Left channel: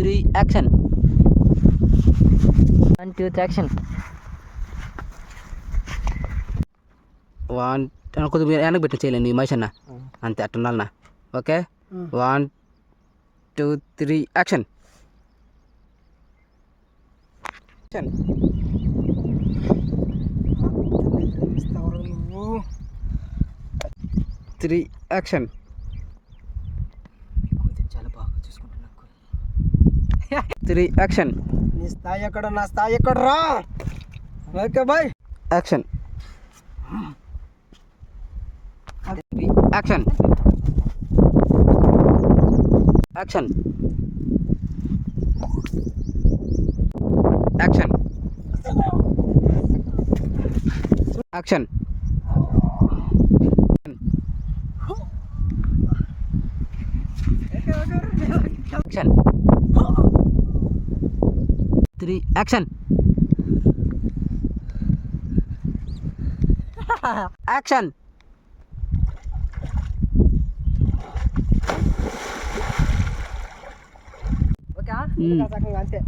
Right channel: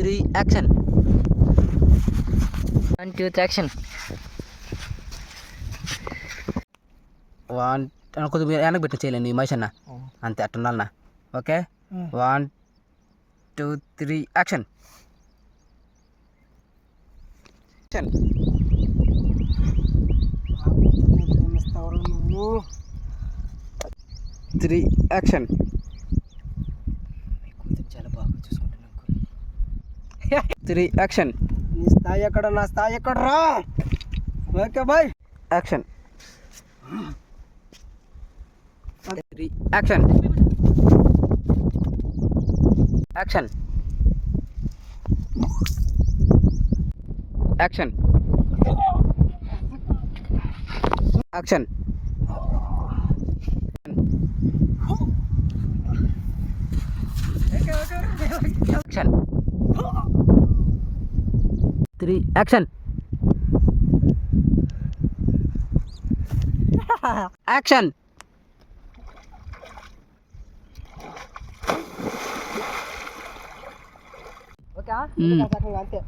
3 యాక్షన్. 1 2 యాక్షన్. 1 కొద్దిగా వెనక్కి పెట్టి చేయలేండి ఈ మనిషి అన్న, అంతే అట్ట ఉండాలన్నా. ఓకే 1 2 3 యాక్షన్. 3 యాక్షన్. చాలా బాగా చూసుకుంటున్నాను. 3 యాక్షన్. నీ స్థాయి ఎక్కడ, నా స్థాయి ఎక్కడ రా. Okay bye. Action. 3 action. Action. Action. Action. Action. 3 action. Action. Okay hmm. అంతే.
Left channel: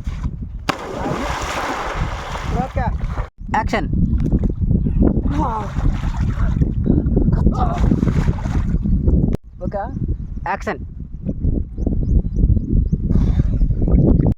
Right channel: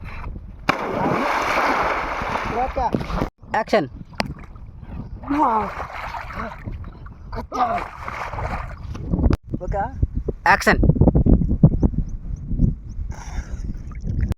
Okay action. Okay action.